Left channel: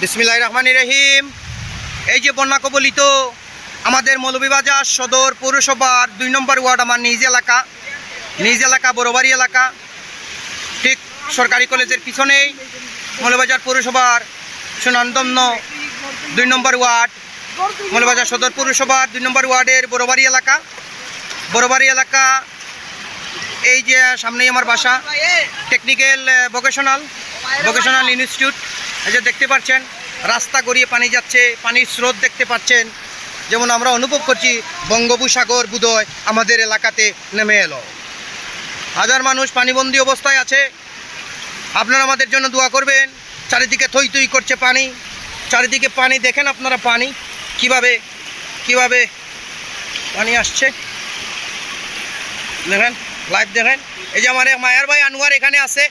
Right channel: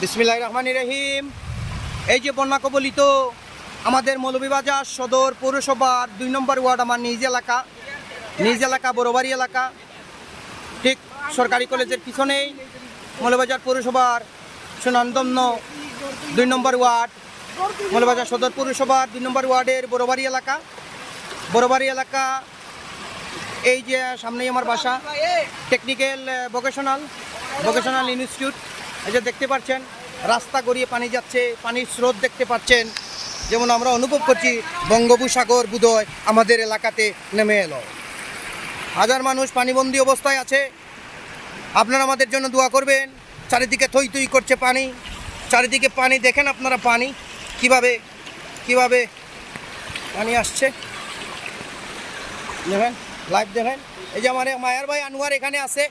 বিসমিল্লাহির রহমানির রহিম। এই যে বন্যা কবলিত আমাদের মৌলভীবাজার সদর পৌরসভার 2 নম্বর ওয়ার্ড, আমার নিজ এলাকা বড়বাড়ি এলাকা, ঠিক সরকারি কলেজের পিছনেই মৌলভীবাজার পৌরসভার সুনামধন্য 2 নম্বর ওয়ার্ড, মৌলভীবাজার সদর পৌরসভার 2 নম্বর ওয়ার্ডের বড়বাড়ি এলাকা। এই যে সামনেই আমার বাসা, টেকনিক্যাল ভোকেশনাল ইনস্টিটিউট। এই যে দেখতে পাচ্ছেন রাস্তা গড়িয়ে পানি যাচ্ছে, পানির স্রোত দেখতে পাচ্ছেন। যেমন আমরা অনুভব করছি বঙ্গোপসাগর বোধহয় আমাদের এলাকাতে নেমে এলো। হাজার মানুষ পানিবন্দী অবস্থায় আছে। আপনারা আমাদের জন্য দোয়া করবেন। চারিদিকে থই থই করছে পানি, চারিদিকে পানি। দেখেন আপনারা পানি কিভাবে পানি আসছে, দেখেন, লাইভ দেখেন। এই যে আমার মায়ার ভাই আনোয়ার এখানে আছে।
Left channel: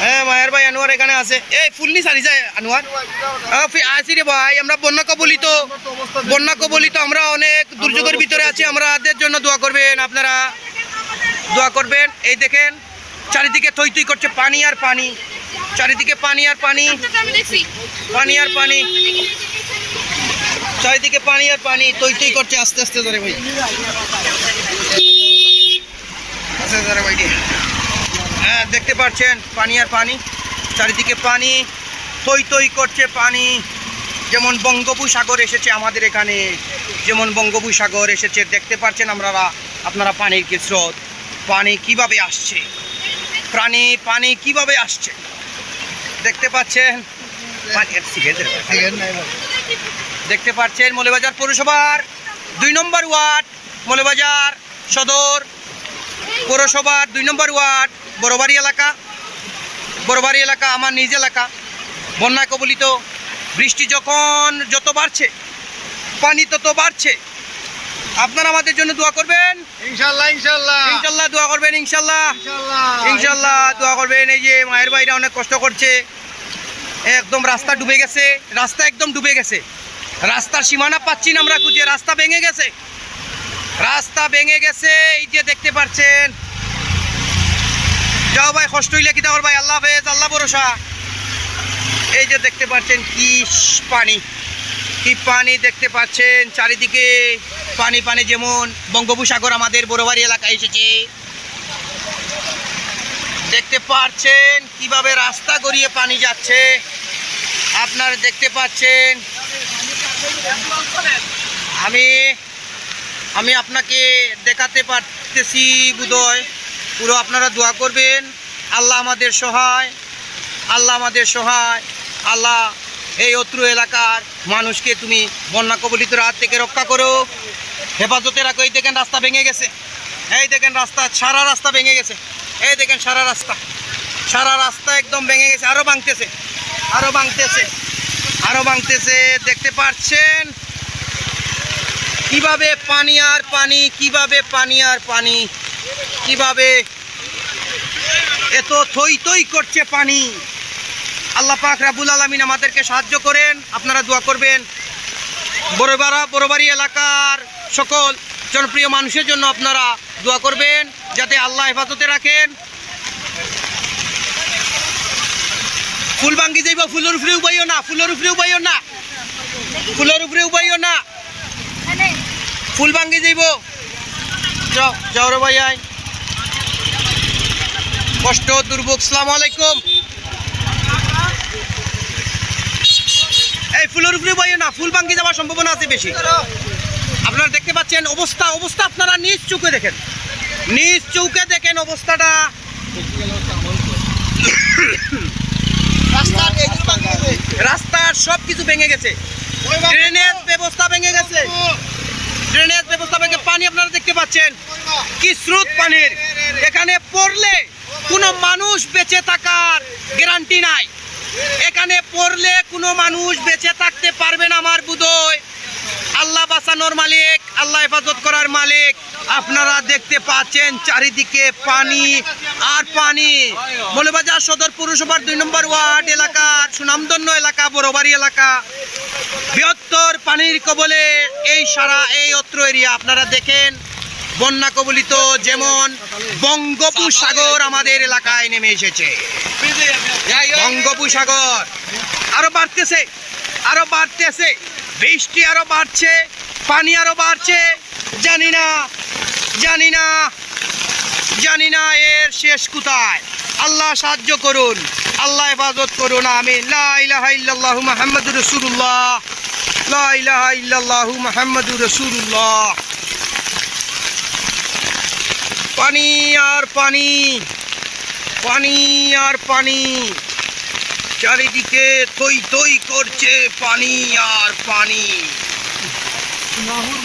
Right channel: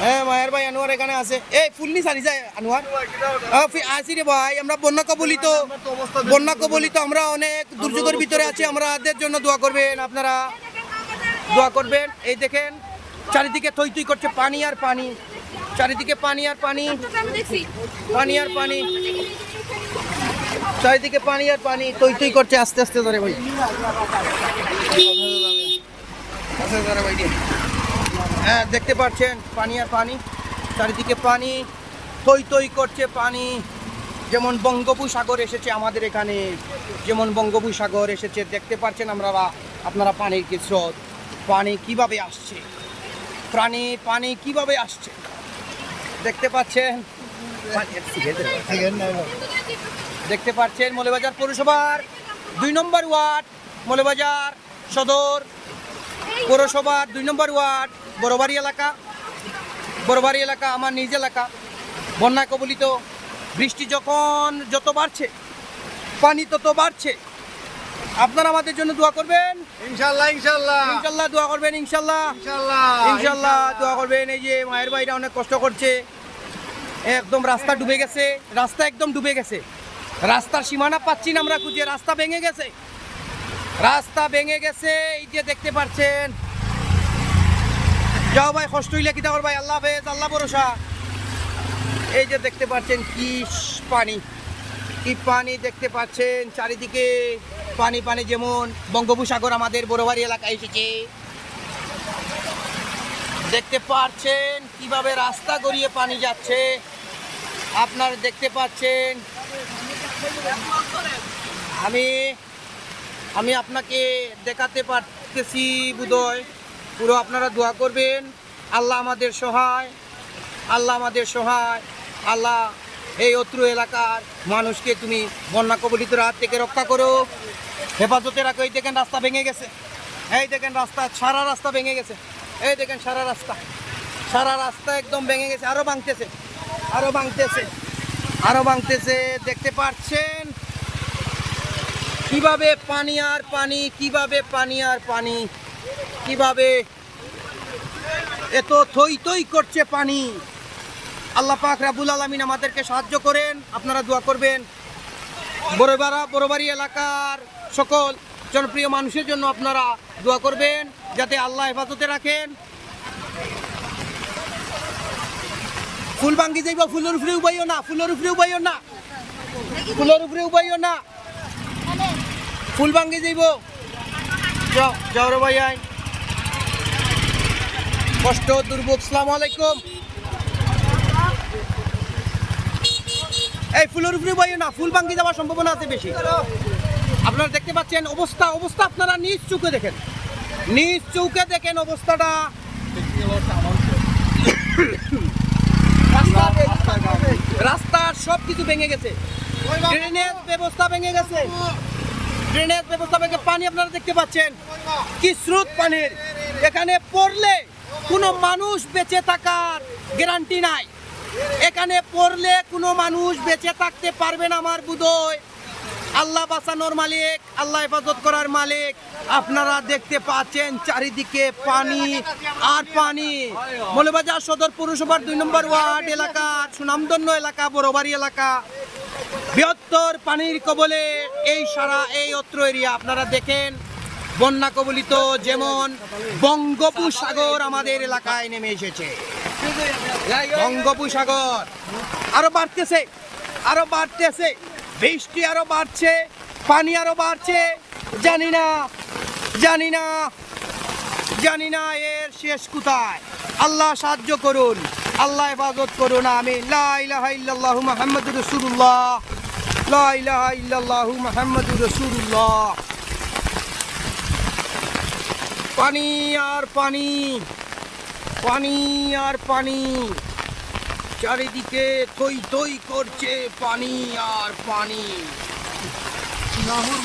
হ্যাঁ, মায়ার ভাই আনোয়ার এখানে আছে। এই ফুলনি সারি যায় আনোয়ার আসি রে ভাই। আমরা বন্যা কবলিত আমরা অনেক দুর্যোগের ভিতরে আছি। আমাদের জন্য দোয়া করবেন, আপনারা দোয়া করবেন। এই দেখেন চারিদিকে থই থই করছে পানি আর পানি, চারিদিকে পানি আর পানি, চারিদিকে পানি আর পানি, থই থই করছে। আস্তে আস্তে ধরে ভাই, আস্তে ধরে ভাই। হ্যাঁ, দেখতে পাচ্ছেন পানি আর পানি, চারিদিকে পানি, থই থই করছে পানি। যেমন বঙ্গোপসাগর এসেছে আমাদের এখানে, যেমন বঙ্গোপসাগর এসেছে। দেখতে পাচ্ছেন আপনারা পানির কি স্রোত, পানি কিভাবে আসছে, পানি কিভাবে আসছে দেখতে পাচ্ছেন। দেখতে পাচ্ছেন মৌলভীবাজার পৌরসভার 2 নম্বর ওয়ার্ড, মৌলভীবাজার সদর পৌরসভার 2 নম্বর ওয়ার্ড, বড়বাড়ি এলাকা, আমার নিজ এলাকা। বন্যা কবলিত, বৃষ্টি যত বাড়ছে পানি তত বাড়ছে। আপনারা আমাদের জন্য দোয়া করবেন, ইনশাল্লাহ দোয়া করবেন, ইনশাল্লাহ দোয়া করবেন। এই যে মায়ের ভাইরা অনেক কষ্ট করছে, একদম রাস্তা একদম ডুবে গেছে। রাস্তার সীমানা পাচ্ছি না আমরা খুঁজে, রাস্তা ভেঙে গেছে। এই যে দেখতে পাচ্ছেন। যাও ভাই, কষ্ট হইলে কি দেওয়ার ভাই, আল্লাহ হাফেজ, আল্লাহ ভরসা। এই যে দেখতে পাচ্ছেন কি পানি দেখতে পাচ্ছেন, চারিদিকে পানি। যেমন বঙ্গোপসাগর আমাদের বড়বাড়ি এলাকায় এসেছে। দেখতে পাচ্ছেন কিভাবে রাস্তা গড়িয়ে পানি যাচ্ছে, আপনারা দেখতে পাচ্ছেন। আমি আপনাকে দেখাতে পারতেছি বোধহয়, পুরো আপনারা দোয়া করবেন। আল্লাহ আমাদের সহায়, আল্লাহ এই অত্র এলাকার মানুষকে তুমি বন্যা কবলিত হাত থেকে রক্ষা করো, হেফাজতে রাখো। এই দেখেন রাস্তা ভেঙে গেছে, এই দেখেন সারা রাস্তা ভেঙে গেছে। এই দেখেন সারা রাস্তা একদম ভেঙে গেছে, আরো ভাঙতেছে। দেখতে পাচ্ছেন কিভাবে পানি আর পানি, কিভাবে এত থই থই করছে পানি। আল্লাহ পাক রাব্বুল আলামিন আমাদেরকে সাহায্য করেন। আপনারা দোয়া করবেন। বড়বাড়ি এলাকার সকল জনপ্রিয় মানুষের জন্য আপনারা দোয়া করবেন, যাতে আল্লাহ হেফাজতে রাখেন। ফুল ভাঙ্গি যাইব, ফুলের উপরে উবাইও না, ফুল ভাঙ্গি যাইব। যাও রে ভাই, কষ্ট দুর্ভোগ। আসসালামু আলাইকুম। এই ফুলের উপরে উবাইও না, ফুল ভাঙ্গি যাওয়ার সম্ভাবনা আছে বেশি। আপনারা দেখতে পাচ্ছেন অবস্থা আপনারা নিজ চোখে দেখেন অবস্থাটা। রাস্তার সব কিছু ভেঙে গেছে, ড্রেনেজ ব্যবস্থা ভেঙে, পানি আপনারা দেখতে পাচ্ছেন কি স্রোত পানির। এখানে পড়লে কোনো মানুষ বেঁচে থাকার গ্যারান্টি নাই, এখানে পড়লে কোনো মানুষ বেঁচে থাকতে পারবে না। আমার বোধহয় আল্লাহ বাঁচানোর মালিক, আল্লাহ হেফাজত করার মালিক। আপনারা দেখতে পাচ্ছেন চারিদিকে পানি আর পানি। মৌলভীবাজার সদর পৌরসভার 2 নম্বর ওয়ার্ড এলাকার সুনামধন্য এলাকা, বড়বাড়ি এলাকা, বৃহত্তর পানির কবলে এই অত্র এরিয়া। আপনারা দেখেন বন্যা কবলিত, যেমন বঙ্গোপসাগর আমাদের এলাকায় নেমে এসেছে। বঙ্গোপসাগর আরো বাড়তেছে, বৃষ্টি আরো বাড়ছে, পানি আরো বাড়ছে। জানি না এর শেষ কোথায়। আল্লাহ সাহায্য করুন, আল্লাহ হেফাজত করুন, আমিন। লা ইলাহা ইল্লাল্লাহু মুহাম্মাদুর রাসূলুল্লাহ, লা ইলাহা ইল্লাল্লাহু মুহাম্মাদুর রাসূলুল্লাহ। পানি আর পানি, পানি আর পানি, চারিদিকে থই থই করছে পানি আর পানি।